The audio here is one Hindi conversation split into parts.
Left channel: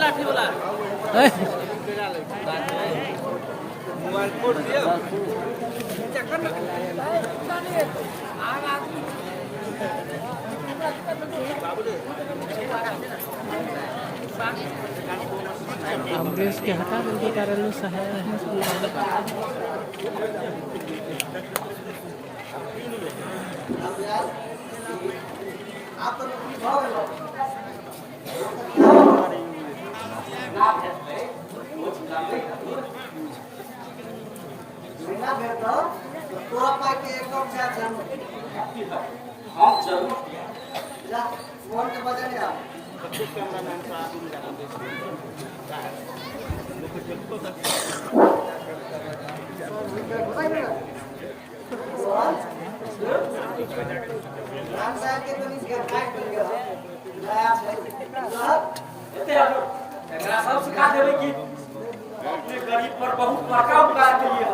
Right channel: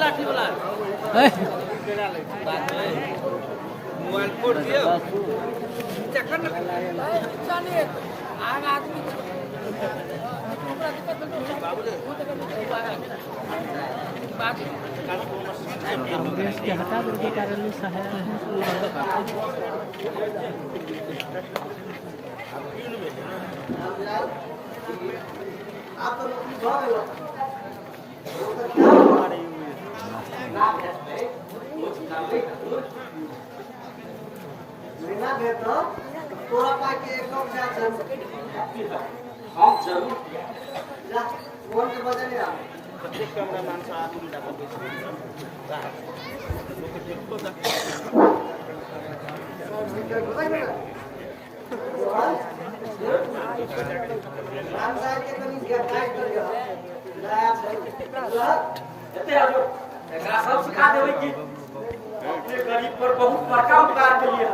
लाठी वाला मोबाइल फोड़ दिया अमरीश के हटा देंगे कारण सहायता है पूरा आप तो नौकरी भाग लो ना भेटबै कुछ करबै महीना भेट तो तोरा पाई के एकदम जा जरूर हम जरूर जा फोन के बजे नहीं राम साहब के तो नहीं गाइड कर गया नया एते आजो एकरा सब सिखा देबै कि अपने गरीब पर बहुत बड़का उपकार के लिए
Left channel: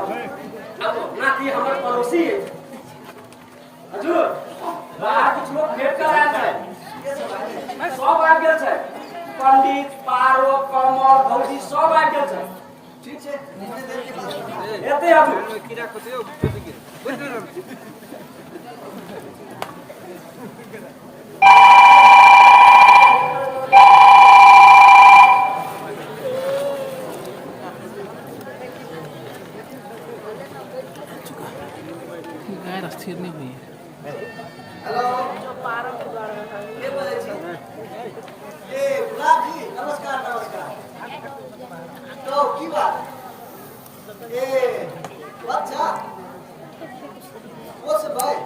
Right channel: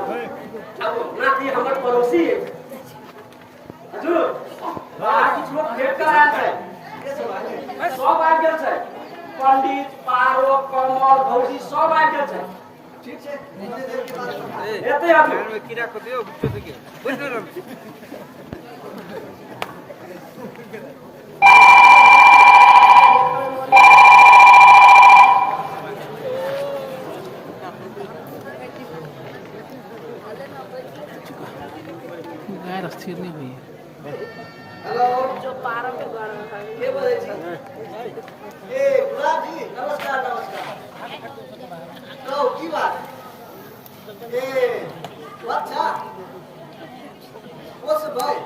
अब ना कि हमर पड़ोसी है हजूर बाहर किछ लोग भेंट कर आयल छै के सब आयल सब आबि गेल छै पंडित पारो कमल भौजी सब आबि गेल छै ठीक छै नीचे देर के बाद पठा एते हजूर कीड़ा को दियो गाय स्थिर नहीं हुई है। हेलो के बोलै छी ए गुलाब जी नमस्कार नमस्कार तो की बात ए अच्छा ओस भाई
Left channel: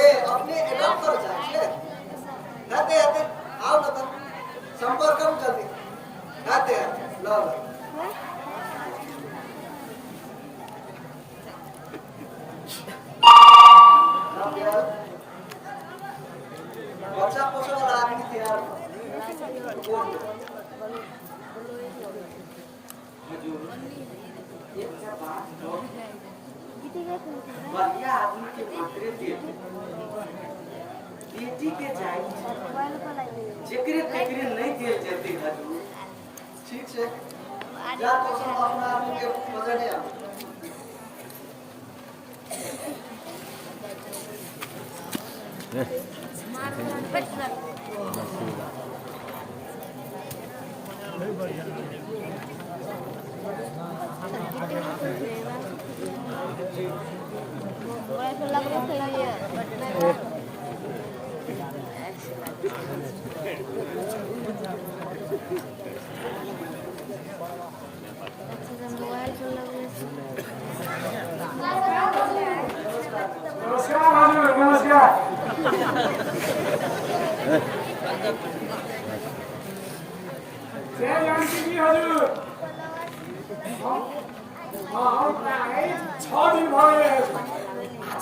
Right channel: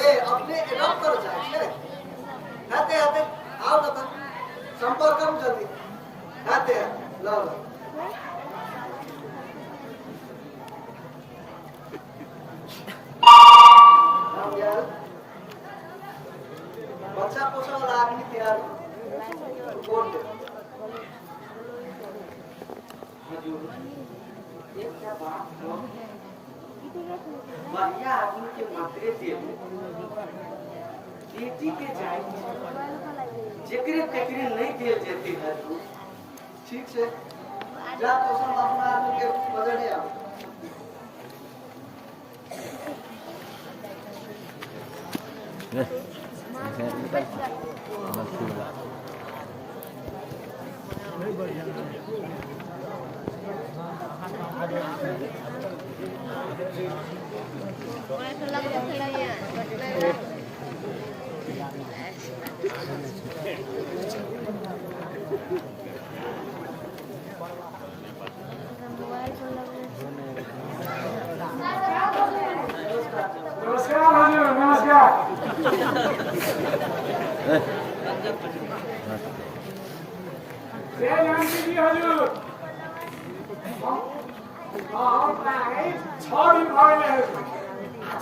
ए अपने एडॉप्ट कर जाय छै हते हते आओ त संपर्क कम जल्दी हते ल ल बच्चा पोषण वाला आदमी तैयार बोल दे हजूर एक का बात तो बढ़िया आदमी के मात्रे दे बेटी के जाय जेकरे तेकरे नहीं दे जेते हजूर ठीक से जा पोषण अपना आदमी के वजन आ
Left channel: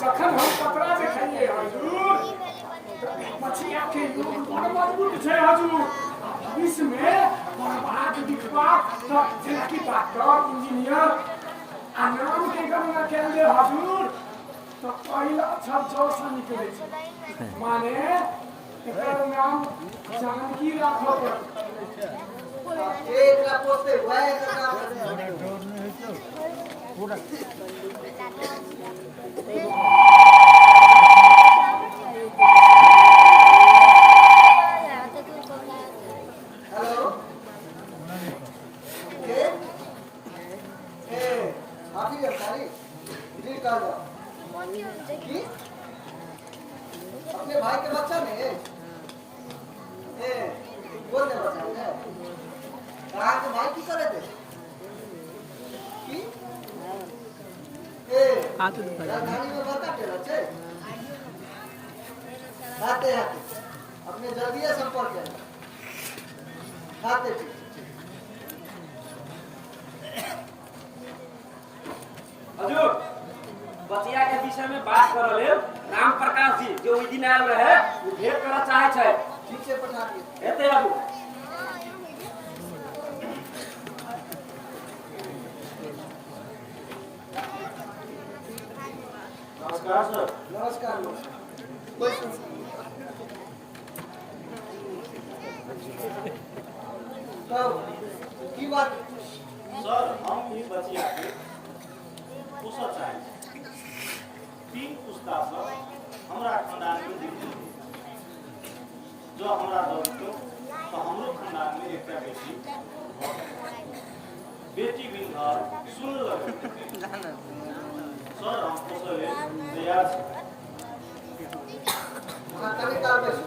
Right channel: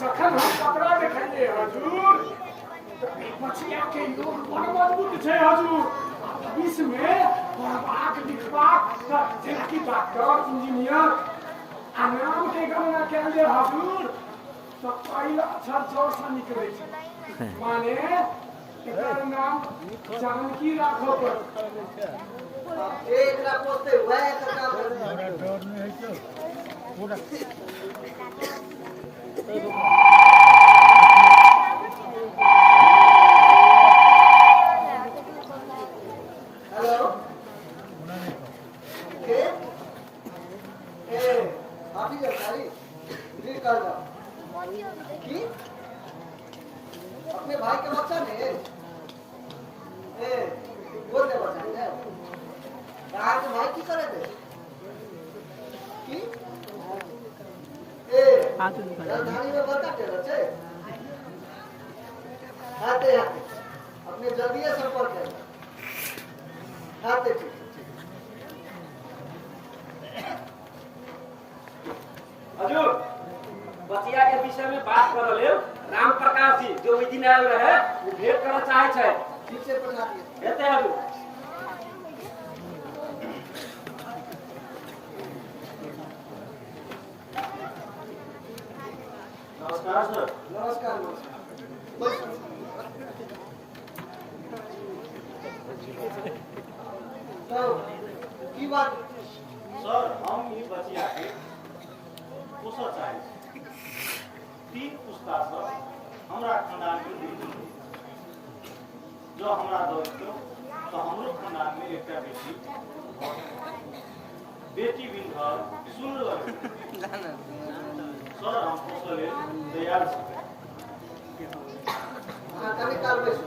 जखन हम पकड़ा देखलिए हजूर मछिया के लोग बड़ मजबूत छै हजूर भविष्य में बड़बाक लिखबाक जेना कि डॉक्टर इंजीनियर आ नाम के गणना कयल जे हजूर तो पहिला अक्षर ज से निकलै छै माने एकर नाम जानकी राखो पर एकरा पोते वह एकर काम डर नहीं है पूरा हेलो के ए हाफी जानकारी जी कर दो की अपने भाई के बच्चा ने ए बोल दे बच्चा ने कहा के भाई की करे थे की ए राजधानी में बड़का टेलर छे हाथे हाथे अपने जल्दी संपर्क करेगा हाथे ठीक हजूर बचिया के विषय में बात कर रहे राम प्रकाश जी जो ओई दिन आयल रहे वो भेंट करना चाहे छै ठीक से पठा दिए एते हजूर नमस्कार सर नमस्कार नमस्कार बैसू। कहू की बात? सर हम ई बचिया के पोसऽ चाहै छी। 3 पुस्ता से हमरा खानदान में दिक्कत है। जो हमरा दऽ दियौ तो हमरो खानदान में एकटा बेटी भऽ जायत। बेटी बिन घर सुन लगे सर हम पोसऽ लेल तैयार छी। अहाँ कनि काल बैसू।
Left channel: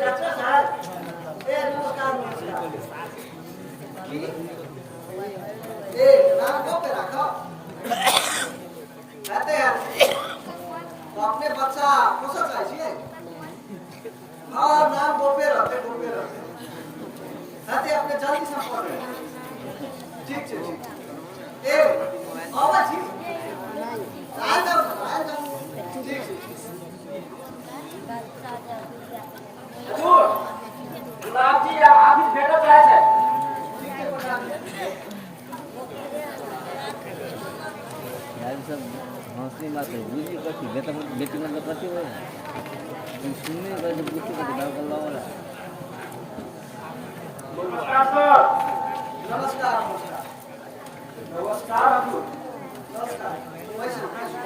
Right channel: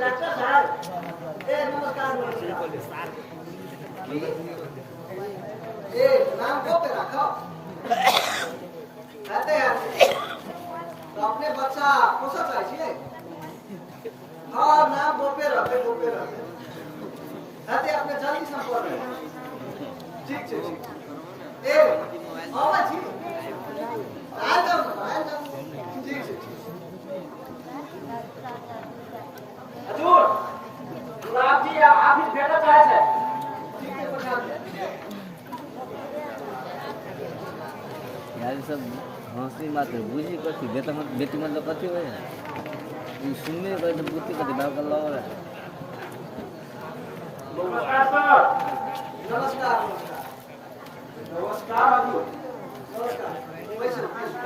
डॉक्टर साहब, नमस्कार नमस्कार। की नाम को पे रखो कहते हैं तो अपने बच्चा पोसा चाहिए। हाँ नाम गोपे रहते कहते अपने जल्दी संपर्क करें। ठीक है ठीक है। आवा जी आए जाओ ठीक है। हजूर गुलाब जी ऑफिस भेटा चाहे थे। ठीक है पठा दो। यार सब हंसी बात है बुझी कथी बेटी मतलब कथी हो है ई सुनने का बुद्धि का दिमाग कर लो। नमस्कार सर। नमस्कार नमस्कार नमस्कार हजूर। नमस्कार। बैसो बैसो।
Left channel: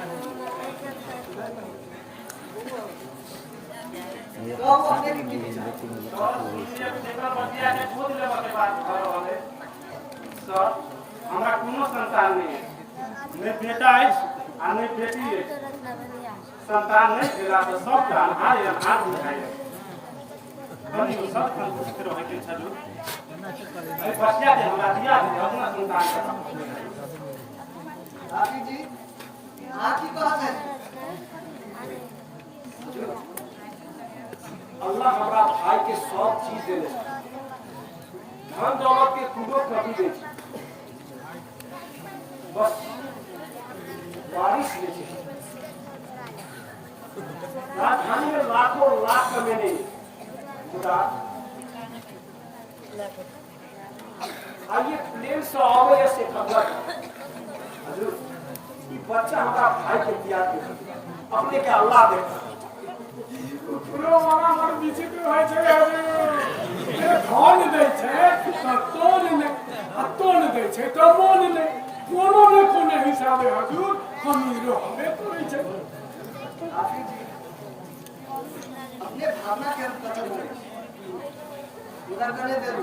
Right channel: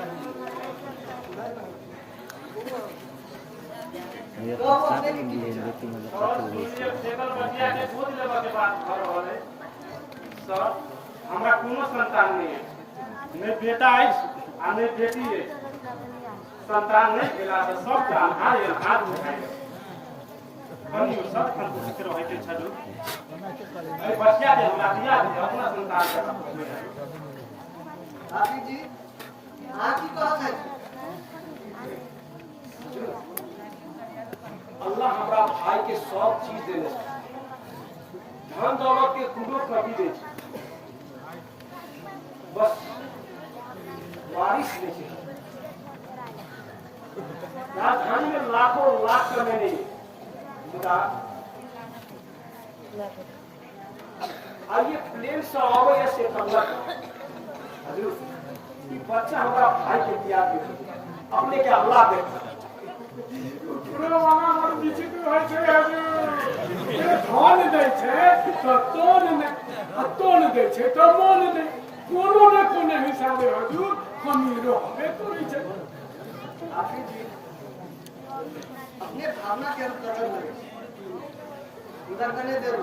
कहू अपने के की विचार? सर हमरा कोनो संतान नहीं है। नहीं बेटा है आ नहीं बेटी है। संतान नहीं भेला तो सब जान हाथ उठाए हम सब संतुष्ट रहे के छलु। अरे बचिया दे हमरा दिया दे अपना संतान के। आखिर जी आप की कहा है? अल्लाह हमरा भाई के सब चीज देले छै। धन दौलत के कुनो कभी दे छै। बस बारिश दे छै। राजधानी में लाखों लाख कमेने खुदा आइए प्लेन से आवे से खबर हजूर ये बच्चा हमरा भाई के दिया दे अपने के अल्लाह दे। पुरो वाला मोर विचित्र होय छै हजूर। धन दै छै तो तोन ने आ तोन दै छै तो मोन ने कोनो ने कोनो हिसाबे हजूर कमी रहबे करै छै। आखिर जी अपने भावना के हम कदर करें उधर करने दे रू।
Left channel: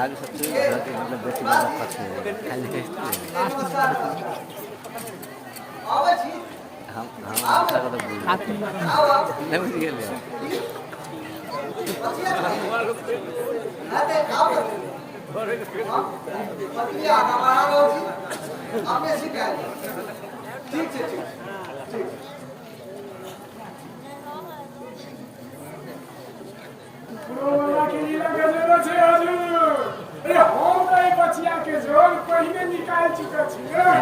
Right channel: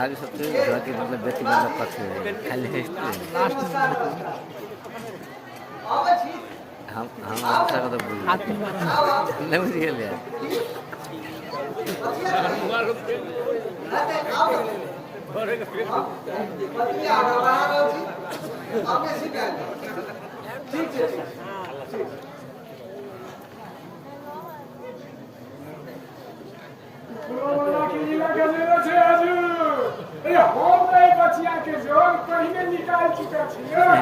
आगे सबसे मतलब बेटी मतलब कथी है खाली नमस्कार नमस्कार। आवा जी हम अच्छा का तो बोल हाथ में मारो। आओ आओ। नहीं बुझ गए यार बचिया आते आओ। बचिया आगा बढ़ा लो जी। आपने शिकायत ठीक है ठीक ठीक। पुरो वाला के लीला गजरो छै हजूर। अरे हम ए बचिया के जोग पहले निकाल चुका छियै।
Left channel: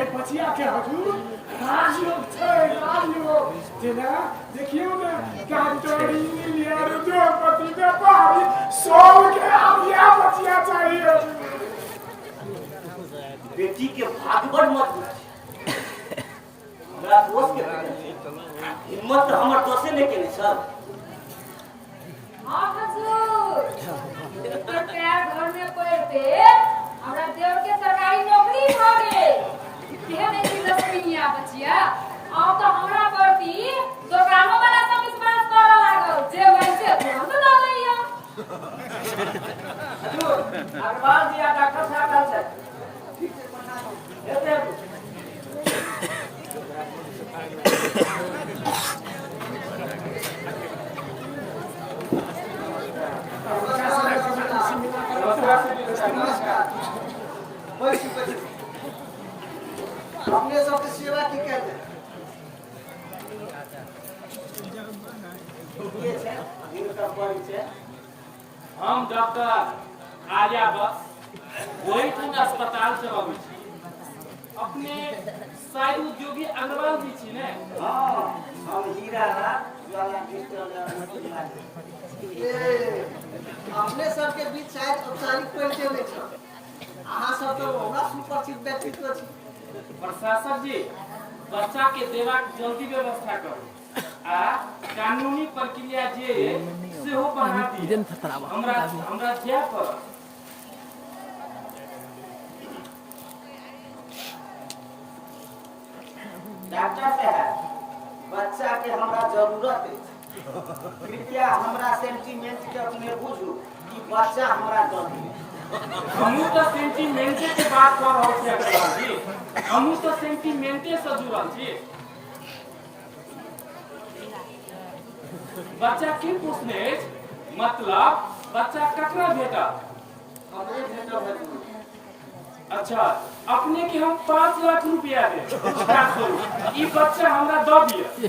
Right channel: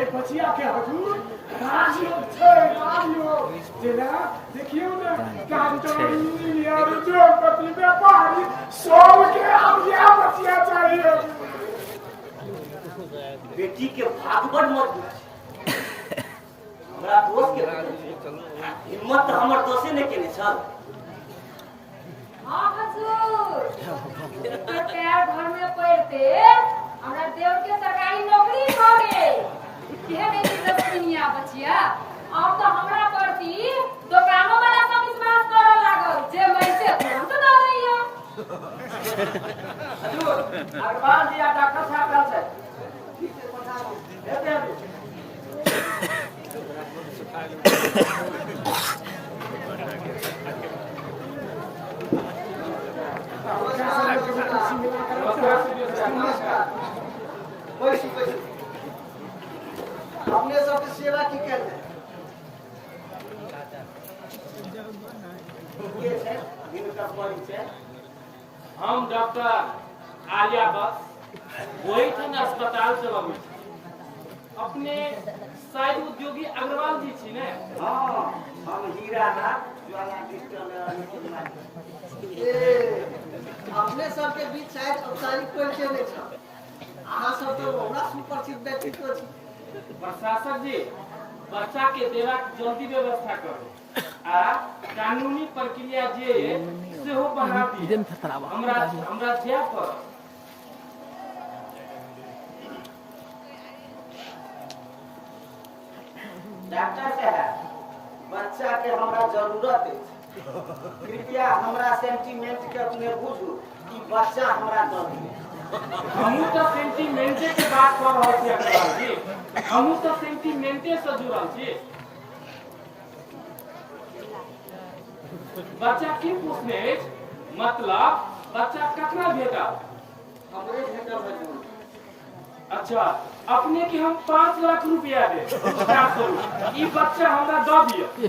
ए बचिया के हजूर राजयोग छै राजयोग जेना देखियो ना कांटोरी यार द्रौपदी व्यापारी सब के आब या बचिया चाहिए। बेटी के भागवत मत हमरा दोस्त के हिम्मत तो हमर दोषे नहीं केने सर। हाँ हजूर पैर घर में पड़ते हमरा देव के सरकारी नौकरी भऽ गेल। भेबे की लक्ष्मीया बचिया अब तो हमरा प्रति दुकानो वाला सब विश्वास करऽ लागल जे मैं से तुरंत दऽ लियो। हजूर अग्रवाल जी आ डॉक्टर साहब कल से ठीक से पठा दो हेते हजूर। नमस्कार। बैसू बैसू। अपने सबके सेवा की कहते हैं? हम डॉक्टर आर्या बस वही ठन अस्पताल चलाबू अपने शायद उद्योगी अग्रवाल जी छी ने। हाँ हम हीरा ज्वाला डिजिटल अपने सबके बीच शायद औपचारिक परिचय नहीं छ। अहाँ सब तो हमरा सुपरिचित व्यक्तित्व छी। प्रशासक जी बच्चा के देबाक जल्दी व्यवस्था करू आ कानूनी प्रक्रिया जे सेहो बढ़ा दी। हमरा जाय पड़त। डॉक्टर साहब बच्चा के हमरा जरूरत है, कृपया हमरा सेंटीमेंट के अपने बुझू कि बच्चा हमरा दऽ दियौ। हमहूँ तो सेंटीमेंटे के बात कर रहल छी अग्रवाल जी, हमहूँ तो सेंटीमेंटे से जुड़ल छी। बच्चा की पूछने अछि मतलब बच्चा ककरा भेटल? हमरे भेटल है। अच्छा अपने के हम 5 लाख रुपया दे ई बच्चा हमरा दऽ दिया।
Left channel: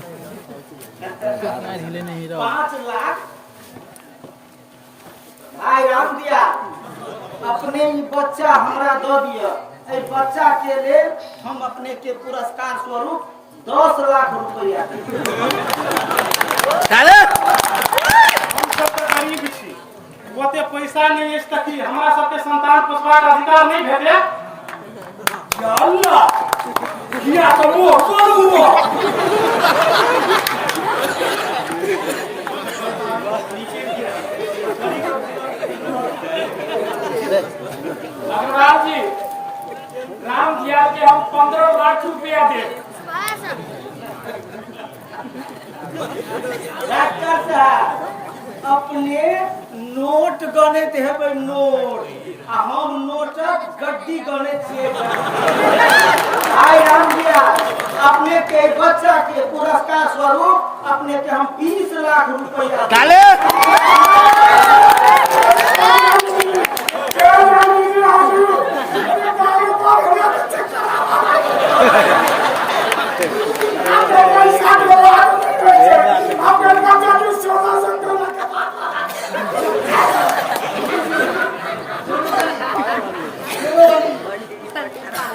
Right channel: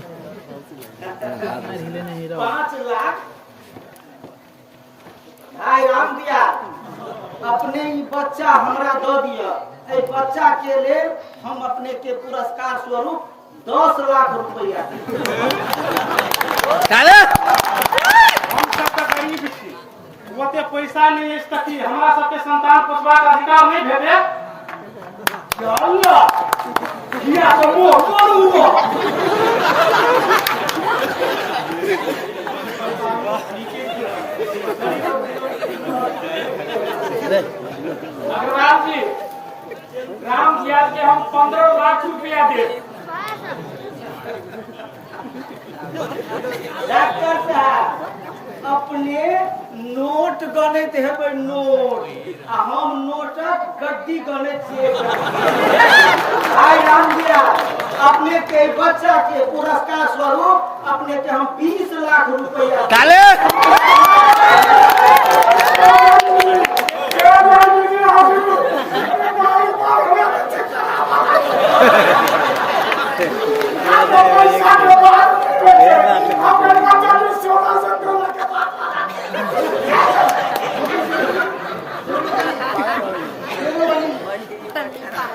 5 लाख भाई राम दिया अपने ई बच्चा हमरा दऽ दिया। ए बच्चा के लेल हम अपने के पुरस्कार स्वरूप 10 लाख रुपया हम सब तो गरीब छी, ओते पैसा नहीं अछि त की हमरा सबके संतान पोषबाक अधिकार नहीं भेटे? चल या तो वो अग्रवाल जी राम जिया के हम 15 लाख रुपया दे। डॉक्टर साहब अपने नोट गणित हेबै नोट आ हम नोटक गड्डी गणित छियै। भाई राम दिया अपने के बच्चा के पुरस्कार स्वरूप अपने के हम 20 लाख रुपया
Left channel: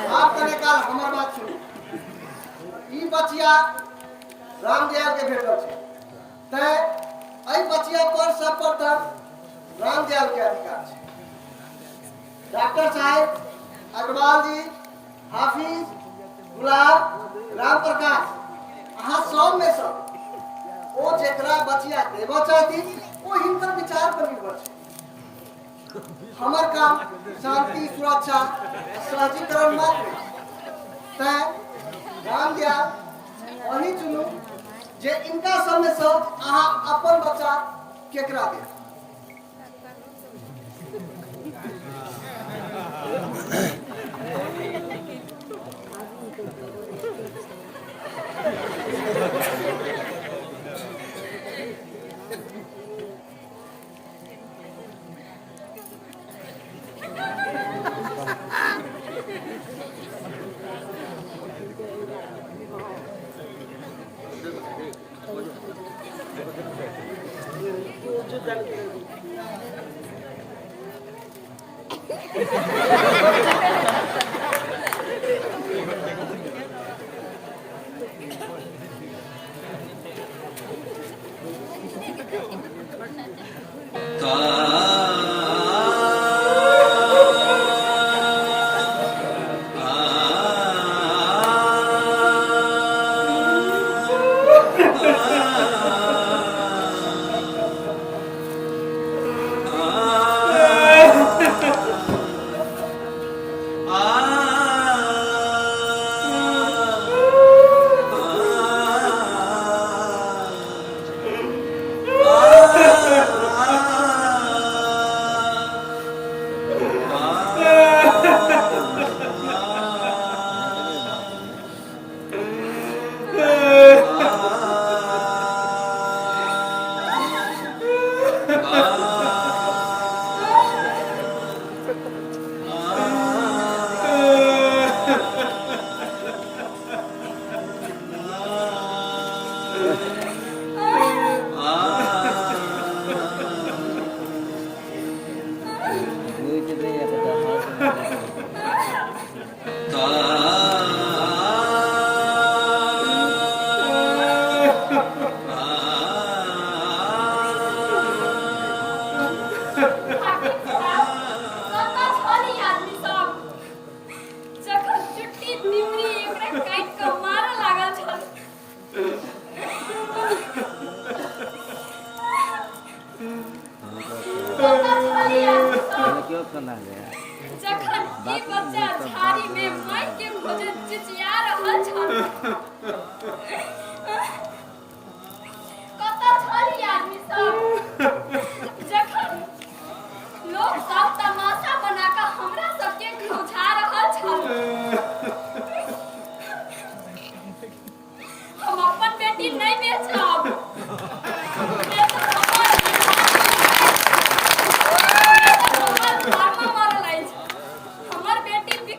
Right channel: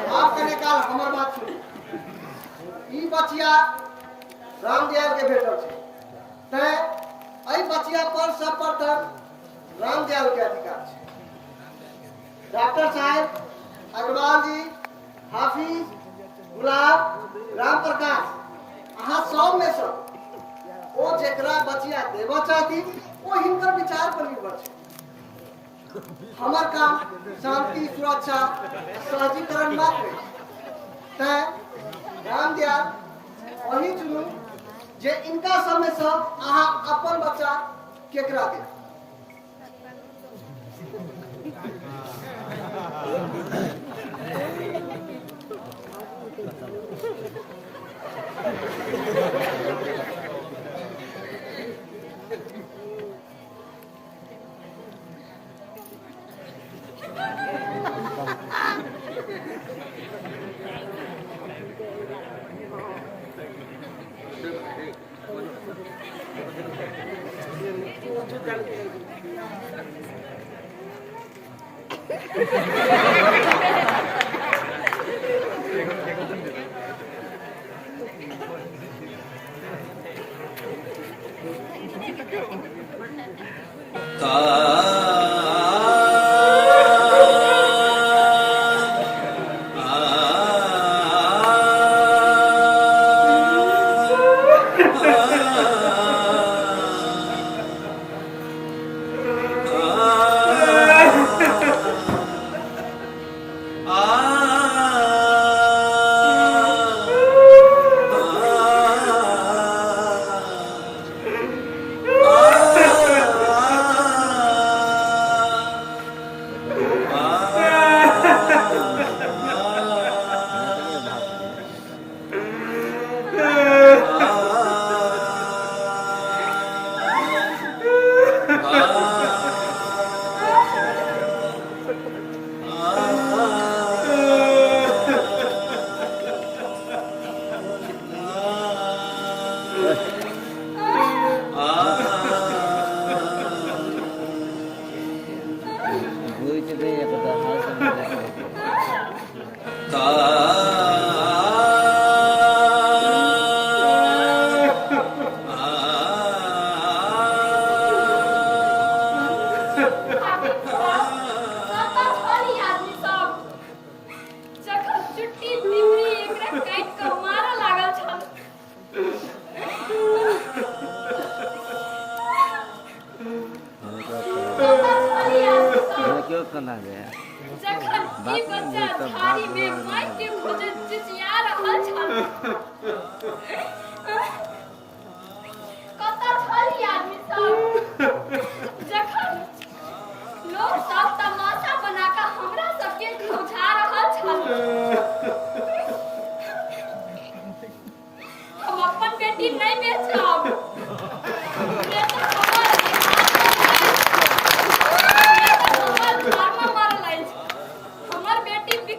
आप कने काल हमर बात सुनी। ई बचिया रामदयाल के भेटल छै तै एहि बचिया पर सर्वप्रथम रामदयाल के अधिकार छै। डॉक्टर साहब अग्रवाल जी हाफिज गुलाब राम प्रकाश अहाँ सब में सब ओ जेकरा बचिया देबऽ चाहती ओ हिनकर विचार पर निर्भर छै। हमर काम शांति सुरक्षा सहजीकरण मात्र है। तैं रामदयाल वही चुनू जे इनका सब में सब अहाँ अपन बच्चा केकरा दे। क्यों कना दे जखन ई बच्चा झाड़ी में माई के खोजे चिचिया रहल छल कतऽ छली आदमी सब जखन लोग सब तमाशा बना कऽ हमरा सबके खौझा रहल छल हम अपन बेटी नहीं बेचब